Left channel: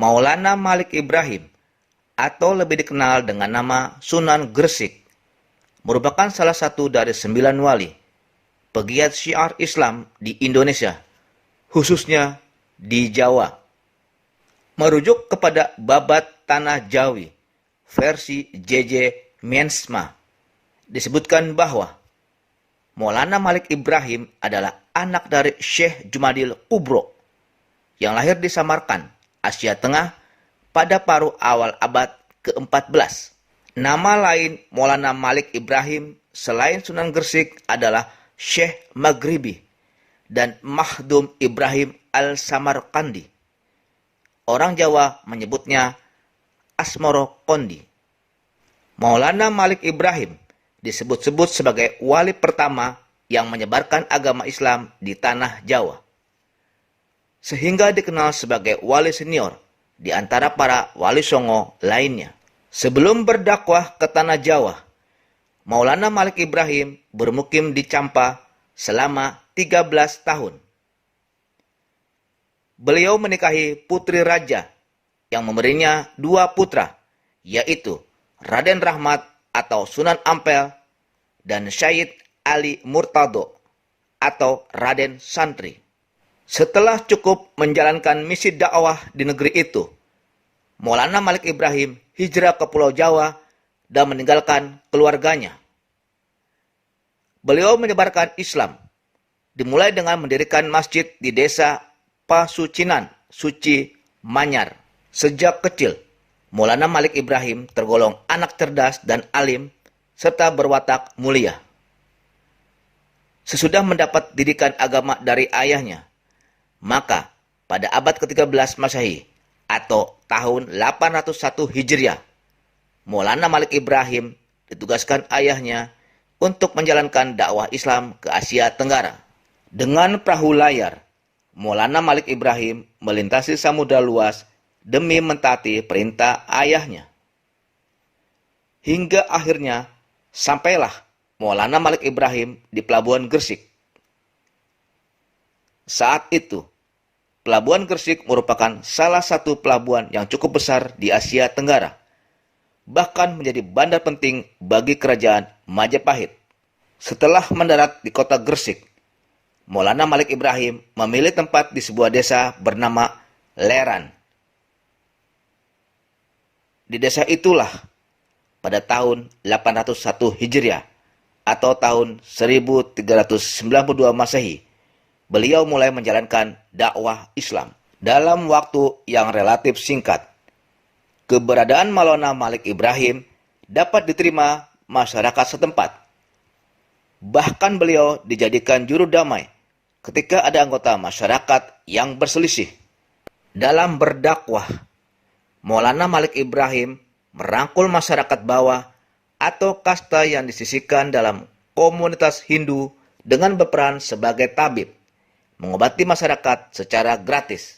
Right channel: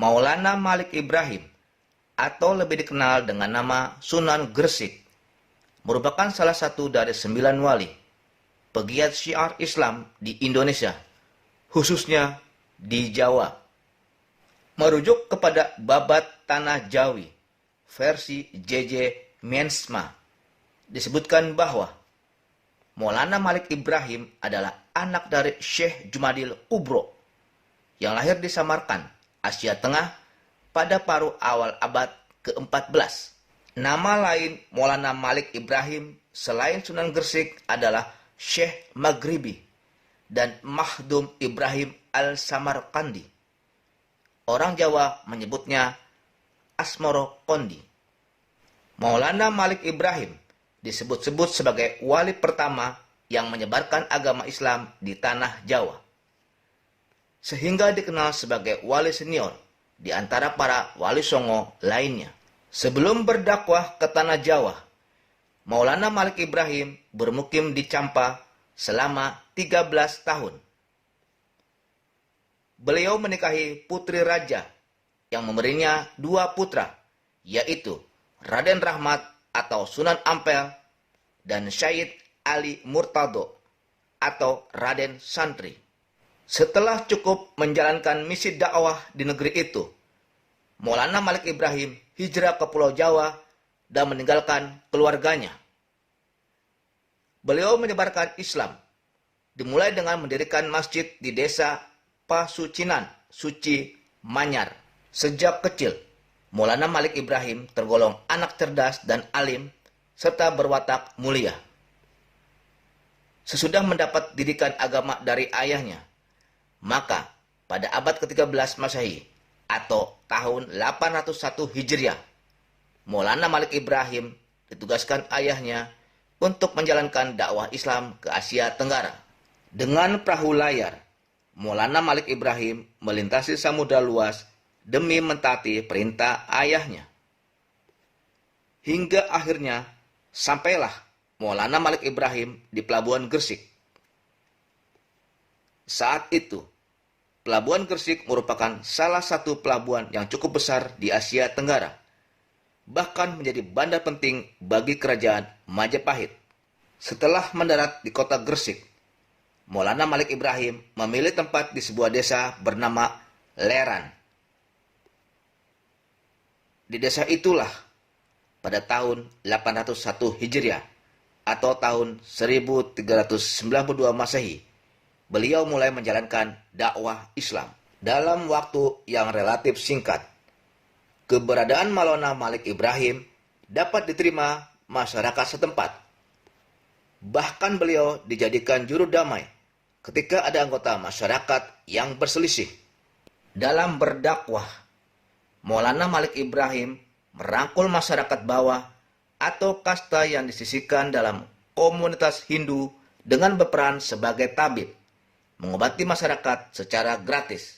Maulana Malik Ibrahim, atau lebih dikenal dengan nama Sunan Gresik, merupakan salah satu dari 9 wali, pegiat syiar Islam di Indonesia, khususnya di Jawa. Merujuk kepada Babat Tanah Jawi, versi JJ Mensma, disebutkan bahwa Maulana Malik Ibrahim adalah anak dari Syekh Jumadil Kubro yang lahir di Samarkand, Asia Tengah pada paruh awal abad ke-14. Nama lain Maulana Malik Ibrahim selain Sunan Gresik adalah Syekh Maghribi dan Mahdum Ibrahim Al-Samarkandi. Orang Jawa menyebutnya Asmoro Kondi. Maulana Malik Ibrahim disebut-sebut sebagai wali pertama yang menyebarkan agama Islam di tanah Jawa, sehingga dikenal sebagai wali senior di antara para wali songo lainnya. Sebelum berdakwah ke tanah Jawa, Maulana Malik Ibrahim bermukim di Campa selama 13 tahun. Beliau menikahi putri raja yang memberinya 2 putra, yaitu Raden Rahmat atau Sunan Ampel dan Syed Ali Murtado atau Raden Santri. Setelah cukup menjalankan misi dakwah di negeri itu, Maulana Malik Ibrahim hijrah ke Pulau Jawa dan meninggalkan keluarganya. Beliau menyebarkan Islam, dimulai dengan mendirikan masjid di desa Pasucinan, Suci, Manyar. Sejak kecil, Maulana Malik Ibrahim tergolong anak cerdas dan alim serta berwatak mulia. Sesudah mendapat didikan agama dari ayahnya, maka pada abad ke-13 Masehi atau tahun 801 Hijriah, Maulana Malik Ibrahim ditugaskan ayahnya untuk menjalankan dakwah Islam ke Asia Tenggara. Dengan perahu layar, Maulana Malik Ibrahim melintasi samudra luas demi mentaati perintah ayahnya. Hingga akhirnya sampailah Maulana Malik Ibrahim di Pelabuhan Gresik. Saat itu, Pelabuhan Gresik merupakan salah satu pelabuhan yang cukup besar di Asia Tenggara, bahkan menjadi bandar penting bagi kerajaan Majapahit. Setelah mendarat di kota Gresik, Maulana Malik Ibrahim memilih tempat di sebuah desa bernama Leran. Di desa itulah pada tahun 801 Hijriah atau tahun 1392 Masehi, beliau mulai menjalankan dakwah Islam. Dalam waktu yang relatif singkat, keberadaan Maulana Malik Ibrahim dapat diterima masyarakat setempat. Bahkan beliau dijadikan juru damai ketika ada anggota masyarakat yang berselisih. Dalam berdakwah, Maulana Malik Ibrahim merangkul masyarakat bawah atau kasta yang disisihkan dalam komunitas Hindu dengan berperan sebagai tabib, mengobati masyarakat secara gratis.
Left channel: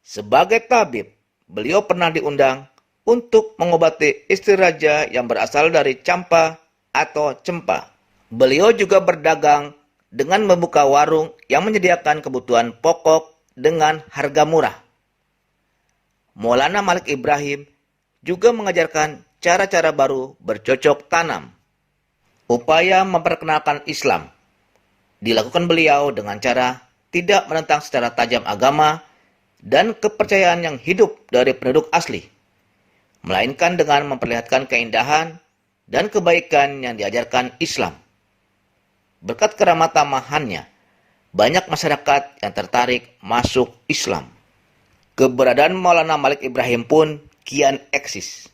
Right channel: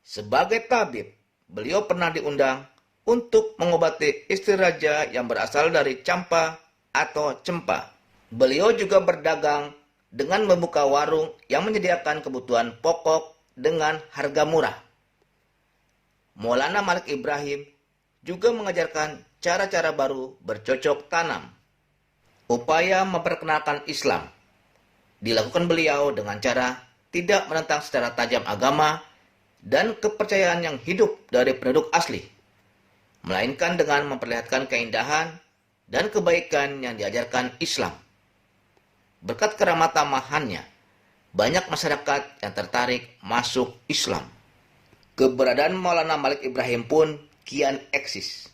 Sebagai tabib, beliau pernah diundang untuk mengobati istri raja yang berasal dari Campa atau Cempa. Beliau juga berdagang dengan membuka warung yang menyediakan kebutuhan pokok dengan harga murah. Maulana Malik Ibrahim juga mengajarkan cara-cara baru bercocok tanam. Upaya memperkenalkan Islam dilakukan beliau dengan cara tidak menentang secara tajam agama dan kepercayaan yang hidup dari penduduk asli, melainkan dengan memperlihatkan keindahan dan kebaikan yang diajarkan Islam. Berkat keramat tamahannya, banyak masyarakat yang tertarik masuk Islam. Keberadaan Maulana Malik Ibrahim pun kian eksis.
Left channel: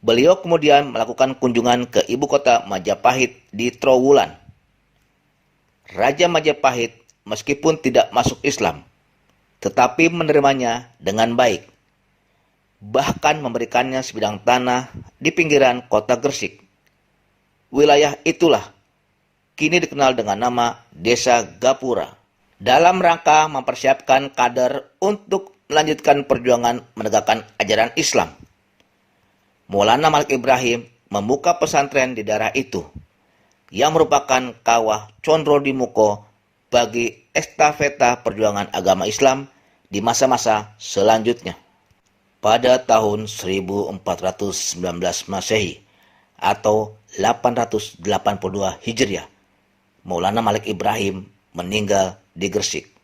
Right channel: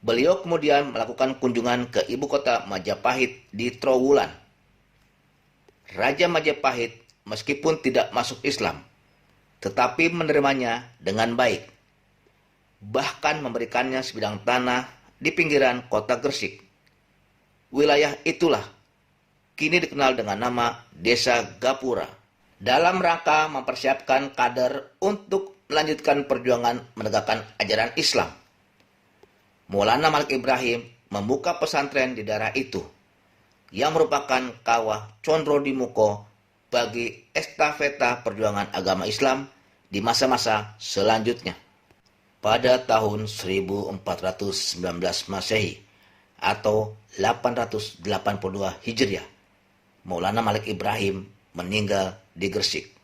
Beliau kemudian melakukan kunjungan ke ibu kota Majapahit di Trowulan. Raja Majapahit meskipun tidak masuk Islam, tetapi menerimanya dengan baik. Bahkan memberikannya sebidang tanah di pinggiran kota Gresik. Wilayah itulah kini dikenal dengan nama Desa Gapura. Dalam rangka mempersiapkan kader untuk melanjutkan perjuangan menegakkan ajaran Islam, Maulana Malik Ibrahim membuka pesantren di daerah itu, yang merupakan kawah Condro di Muko bagi estafeta perjuangan agama Islam di masa-masa selanjutnya. Pada tahun 1419 Masehi atau 882 Hijriah, Maulana Malik Ibrahim meninggal di Gresik.